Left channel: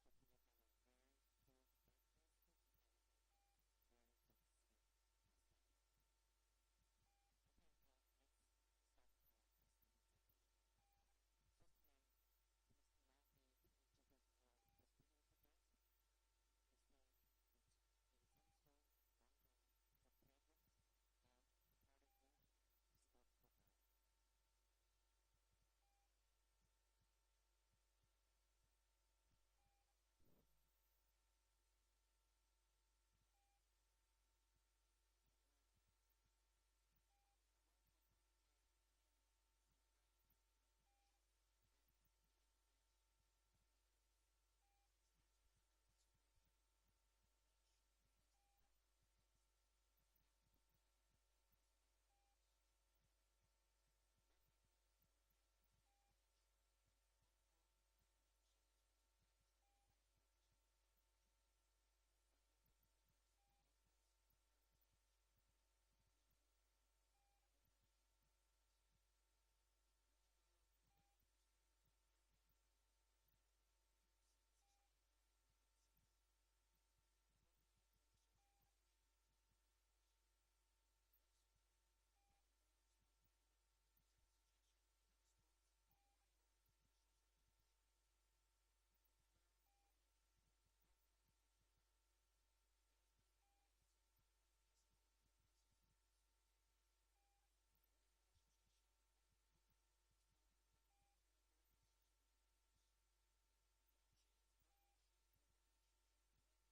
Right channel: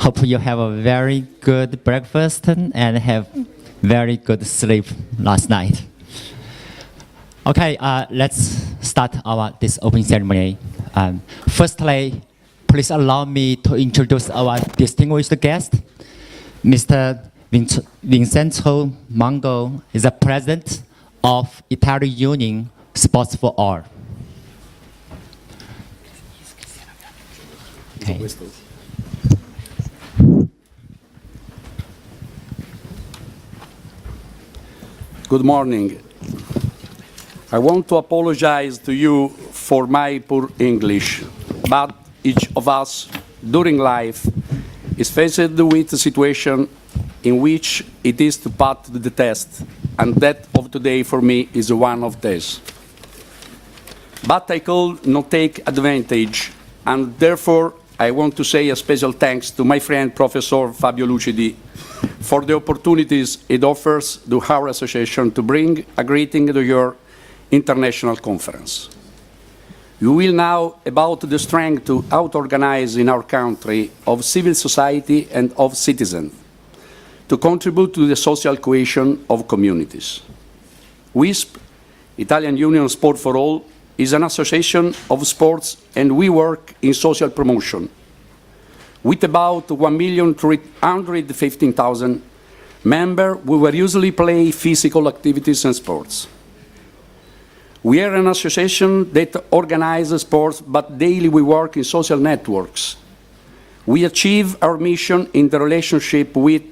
Hope you have a very good breakfast and have very good sleep last night. Okay, let's start this opening ceremony. Firstly, please allow me to introduce our distinguished guest. Mr. Vincenzo Mango is the president of Italian Union Sports for All. Okay. Good morning. I want to apologize to you for my poor English, but each of us during life is faced with a situation in which it is to pass the test, and that of today for me is one of these. But I could not take advantage, and therefore I want to say a special thanks to my friend Professor Fabio Lucidi for the opportunities it offers to our association to bring a greeting to your international conference. You will know about the strength to auto-organize in our country of civil society and of citizens to contribute to the social cohesion of communities. WISP, Italian Union Sport for All, is an association of sports, and we work in social promotion with about 1,315,000 members. We will usually play physical activities and sports. We are an association that organizes sports, but daily we work in social networks. We achieve our mission in the relationship with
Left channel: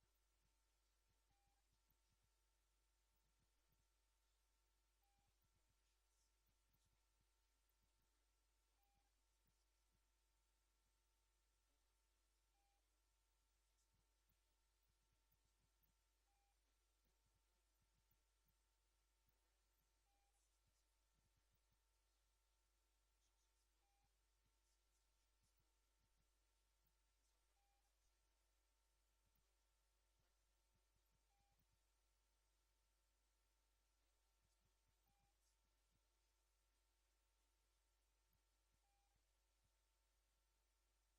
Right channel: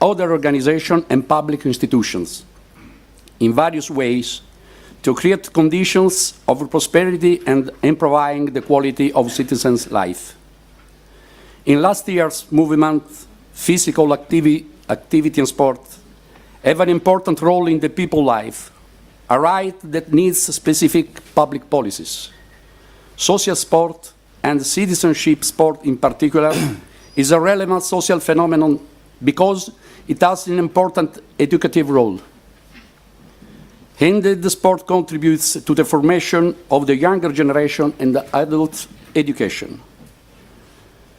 other organizations and public institutions in various ways to create conditions of prosperity and improving the quality of citizens' life. In last year's movement, physical activity and sport have an important role in the people's life, a right that needs specific public policies. Social sport, and citizenship sport in particular, is a relevant social phenomenon because it has an important educative role. Indeed, the sport contributes to the formation of the younger generation and the adult education.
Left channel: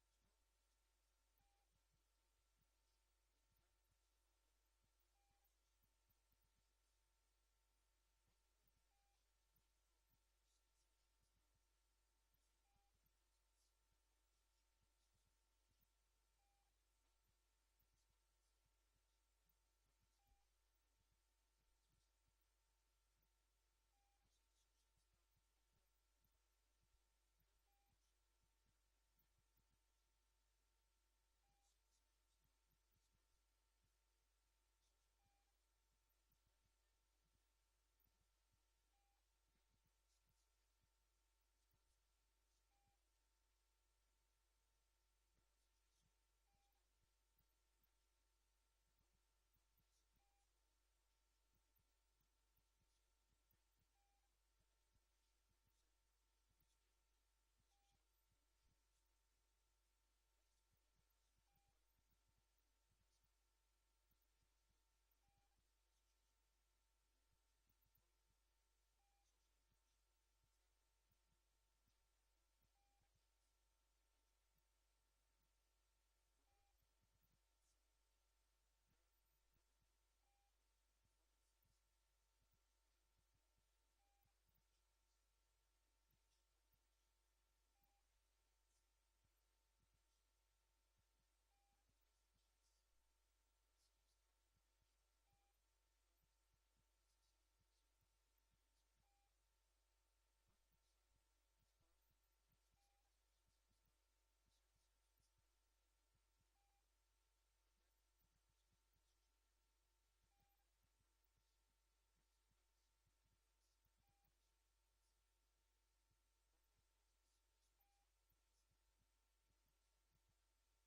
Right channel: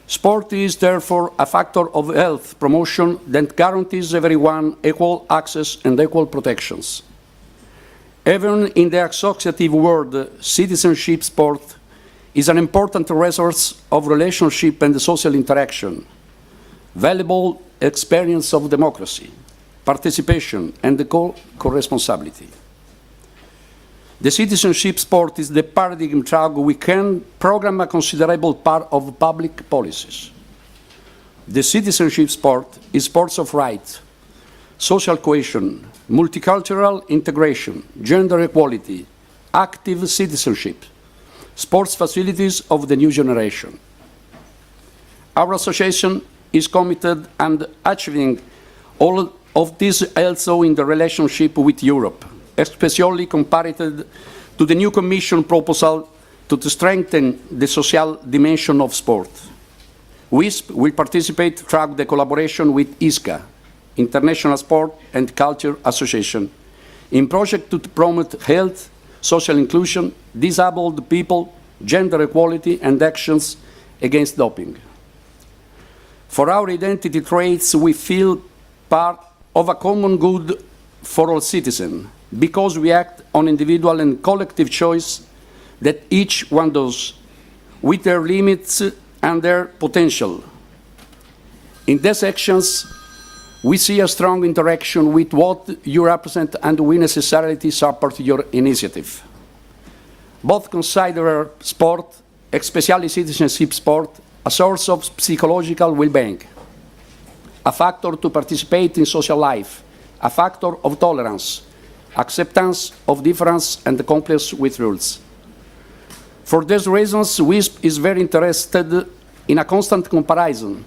Sport is therefore a factor of health promotion that guarantees everyone equal access and equal protections. Even in the associative world, citizenship sport is an important resource of relationship and social interaction, valuable experience of democracy, participation, and co-responsibility. The citizenship sport is the paradigm through we can program a considerable part of public policies. The citizenship sport is sports of rights, social cohesion, multicultural integration, gender equality, active citizenship, sports facilities of the new generation. Our association is committed and achieving all of this also in the relationship with Europe, especially compared to the new Commission proposal to strengthen the social dimension of sport. WISP will participate through the collaboration with ISCA, International Sport and Culture Association, in projects to promote health, social inclusion, disabled people, gender equality, and actions against doping. For our identity traits, we feel part of a common good for all citizens, because we act on individual and collective choice that each one does, with their limits and their potential. In these actions, we see a strong interaction with what you represent, and we necessarily support your initiative. Both consider sport, especially citizenship sport, a source of psychological well-being, a factor to participate in social life, a factor of tolerance, acceptance of difference, and compliance with rules. For these reasons, WISP is very interested in a constant comparison.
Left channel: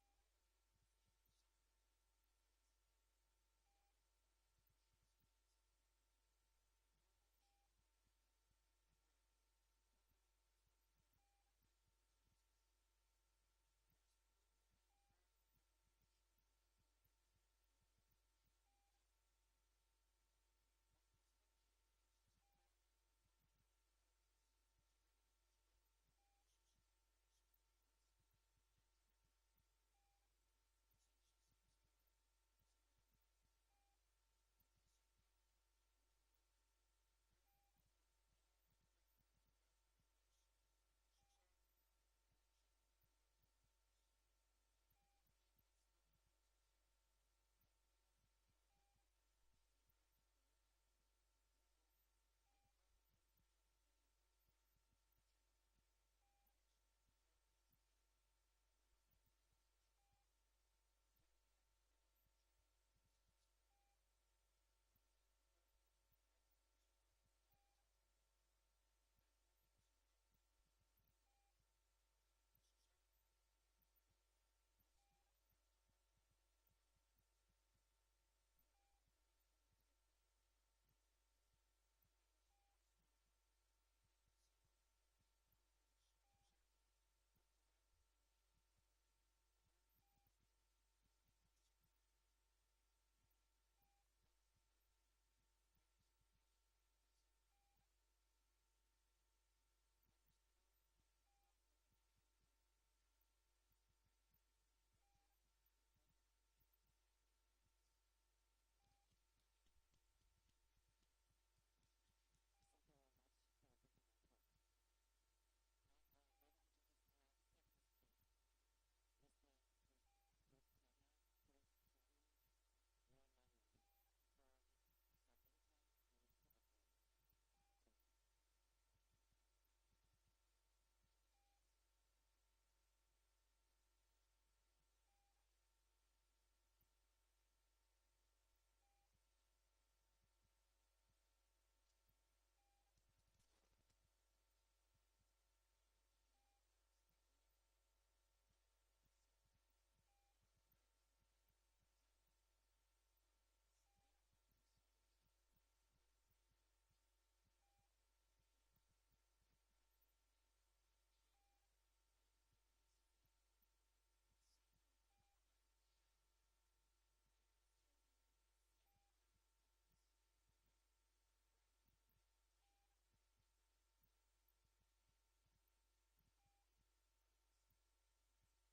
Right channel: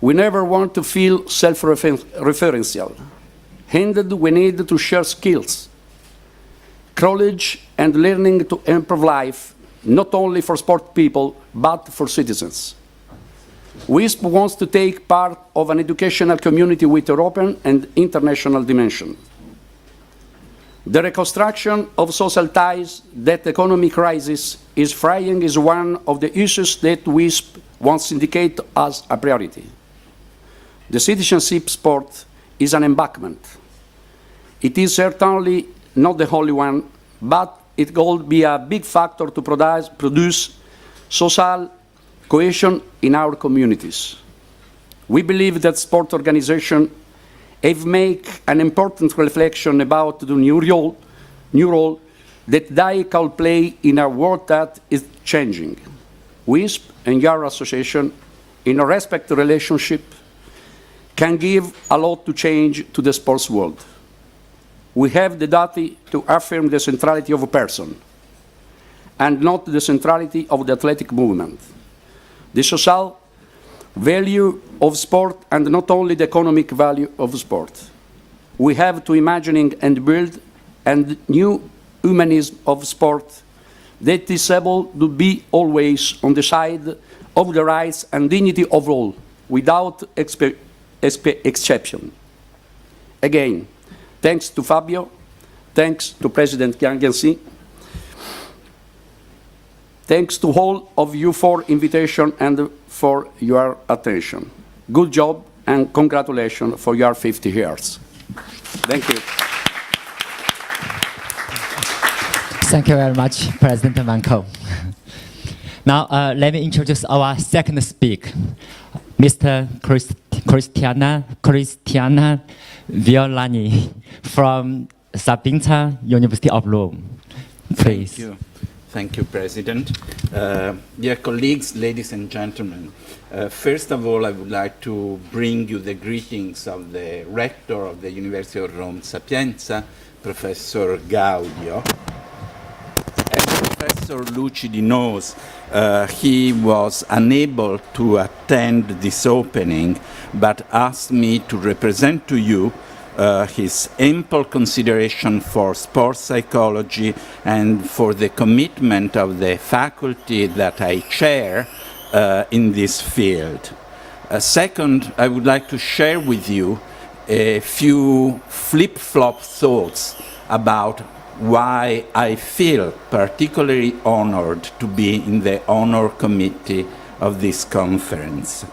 We never want to feel self-referential. Indeed, we need to share skills, knowledge, and learning to improve life, not only for sport people, but for citizens. WISP wants to take part of an educational community with European and international dimension. The reconstruction of social ties that the economic crisis is frying is one of the issues that WISP once indicated as a priority. The citizenship sport is an embankment. It is certainly not the only one, but it could be a big factor to produce social cohesion in our communities. We believe that sport organizations have made an important reflection about the new role that they can play in a world that is changing. WISP and your association, in a respectful relationship, can give a lot to change to the sports world. We have the duty to affirm the centrality of a person and not the centrality of the athletic movement. The social value of sport and not only the economic value of sport. We have to imagine and build a new humanism of sport that is able to be always on the side of the rights and dignity of all, without exception. Again, thanks to Fabio, thanks to President Jangensi, thanks to all of you for invitation and for your attention. Good job and congratulations for your 50 years. Thank you. Thank you very much, President Manco. Now, let me introduce our second speaker, Mr. Cristiana Violani from Sapienza University of Rome. Please. Thank you. Thank you, President. Dear colleagues, ladies and gentlemen, first of all, I would like to bring you the greetings of the rector of the University of Rome, Sapienza, Professor Gaudio. As Professor Lucidi knows, he was unable to attend this opening, but asked me to represent to you his ample consideration for sports psychology and for the commitment of the faculty that I chair in this field. Second, I would like to share with you a few flip-flop thoughts about why I feel particularly honored to be in the honor committee of this conference.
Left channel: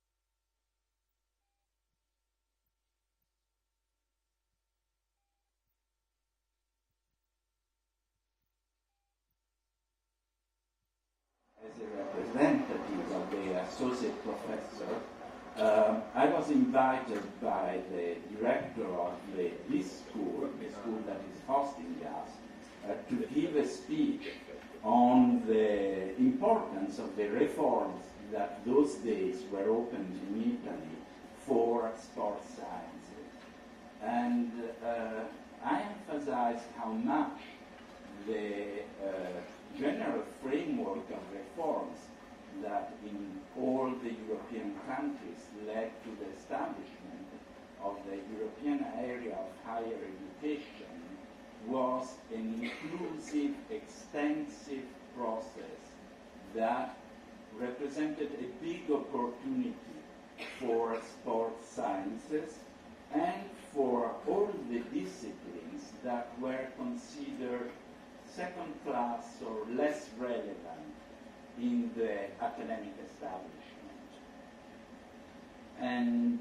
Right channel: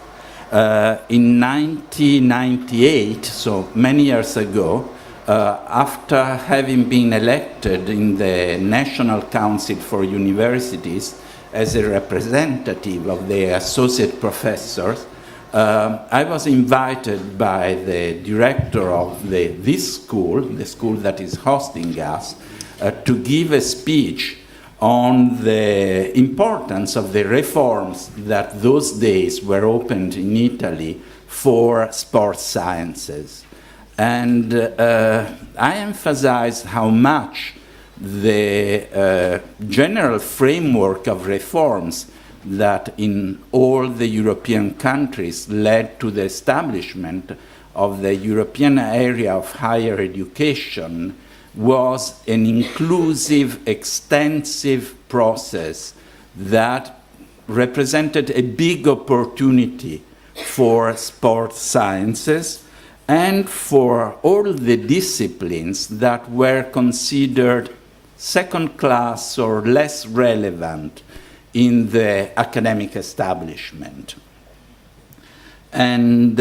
In 1998, so many years ago, after having been elected in the National Council for Universities as a representative of the associate professors, I was invited by the director of this school, the school that is hosting us, to give a speech on the importance of the reforms that those days were opened in Italy for sports sciences. And I emphasized how much the general framework of reforms that in all the European countries led to the establishment of the European area of higher education was an inclusive, extensive process that represented a big opportunity for sports sciences and for all the disciplines that were considered second class or less relevant in the academic establishment. And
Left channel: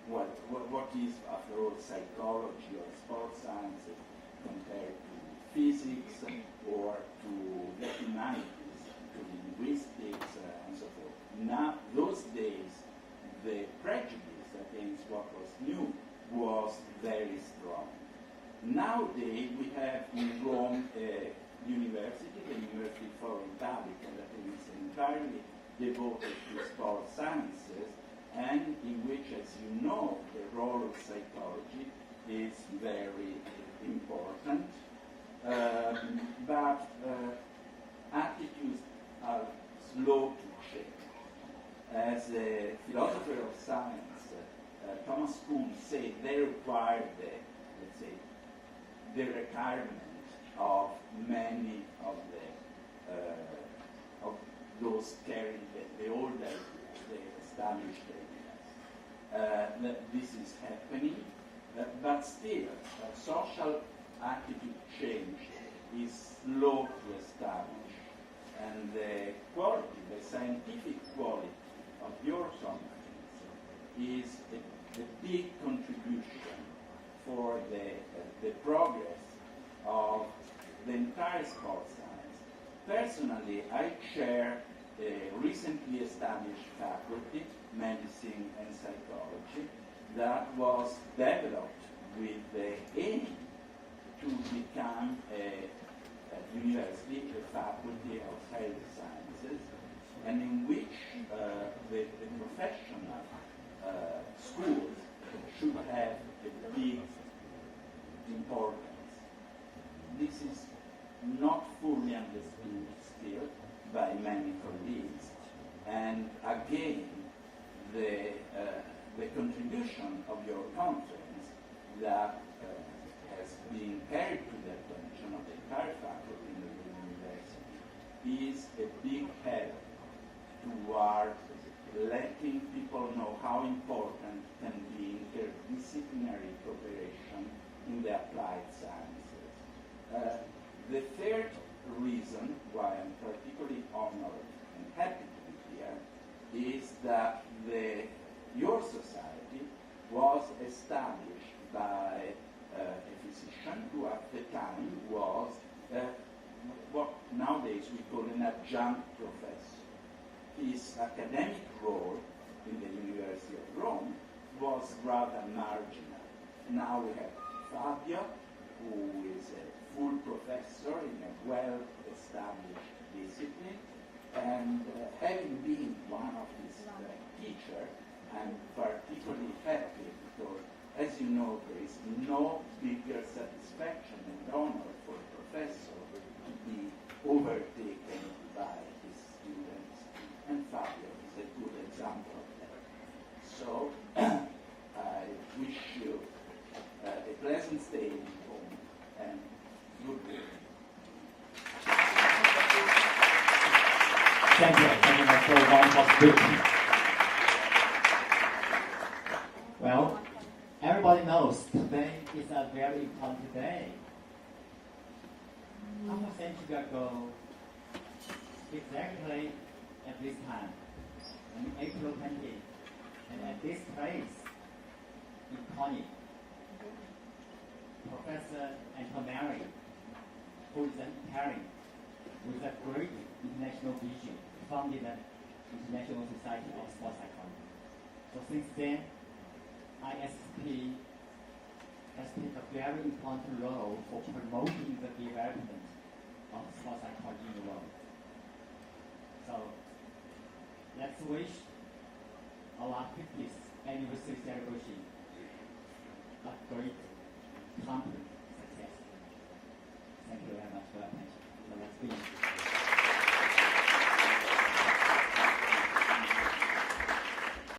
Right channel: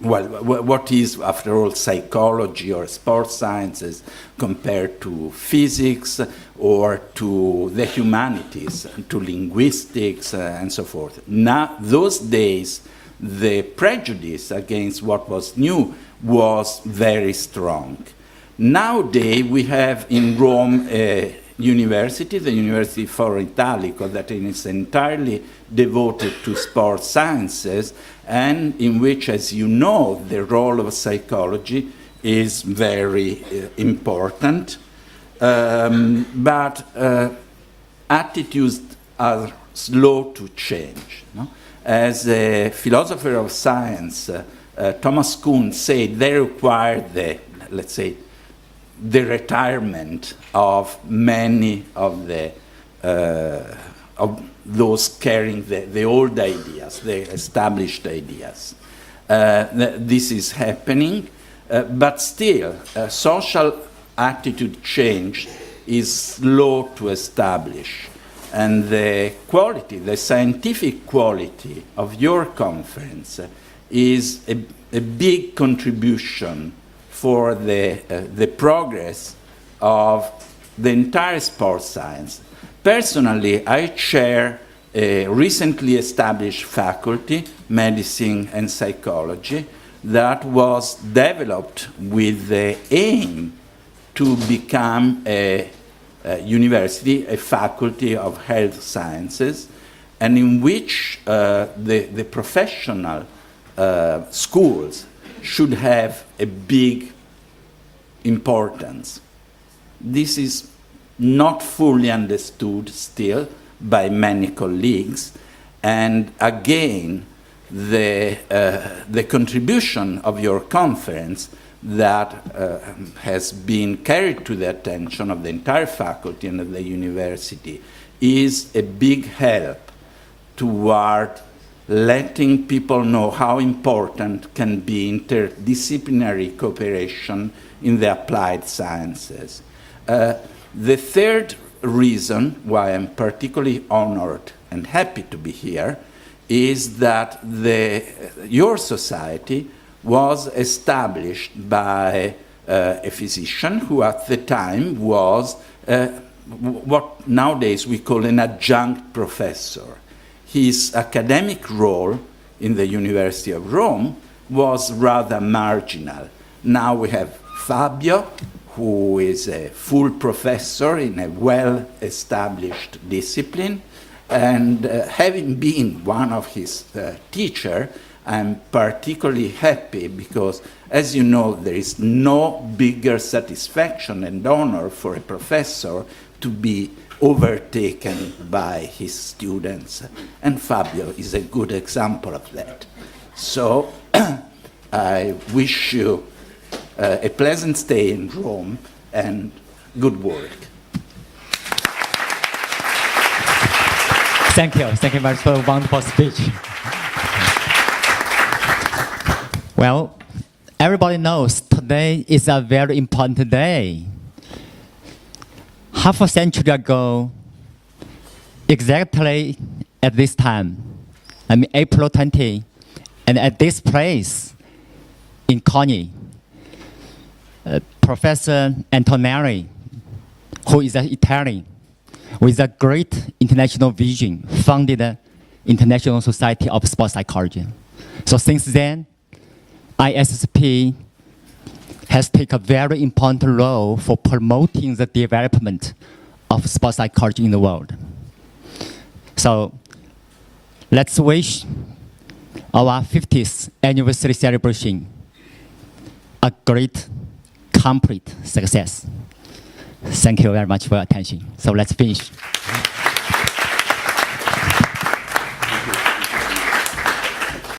well, what is, after all, psychology or sports sciences compared to physics or to the humanities, to linguistics and so forth? Now, those days, the prejudice against what was new was very strong. Nowadays, we have in Rome a university, the University Foro Italico, that is entirely devoted to sports sciences, and in which, as you know, the role of psychology is very important. But attitudes are slow to change. No? As a philosopher of science, Thomas Kuhn said, they require the, let's say, the retirement of many of the of those carrying the old ideas, the established ideas. This is happening, but still, social attitude change is slow to establish. and the quality, the scientific quality of your conference is a big contribution for the progress of the entire sports science. Personally, I chair a recently established faculty, medicine and psychology, that was developed with the aim to become a university, a faculty of health sciences, and in which the professional schools should have a big importance. This is not fully understood still by many colleagues, and again, the contribution of your conference that has been carried to the attention of the entire faculty and of the university is a big help toward letting people know how important can be interdisciplinary cooperation in the applied sciences. The third reason why I'm particularly honored and happy to be here is that your society was established by a physician who at the time was what nowadays we call an adjunct professor. His academic role in the University of Rome was rather marginal. Now we have Fabio, who is a full professor in a well-established discipline, and having been one of his teachers, I'm particularly happy because, as you know, there is no bigger satisfaction and honor for a professor to be overtaken by his students. And Fabio is a good example of that. So I wish you a pleasant stay in Rome and good work. Thank you very much for a wonderful speech. Well, everybody knows today is a very important day. Half a century ago, exactly at this time, I mean April 20, and at this place in Coni, Professor Antonelli, who is an Italian, with a great international vision, founded the International Society of Sports Psychology. So since then, ISSP has taken a very important role for promoting the development of sports psychology in the world. So let's wish our 50th anniversary celebration a great, complete success. Thank you very much for your attention. So let's finish.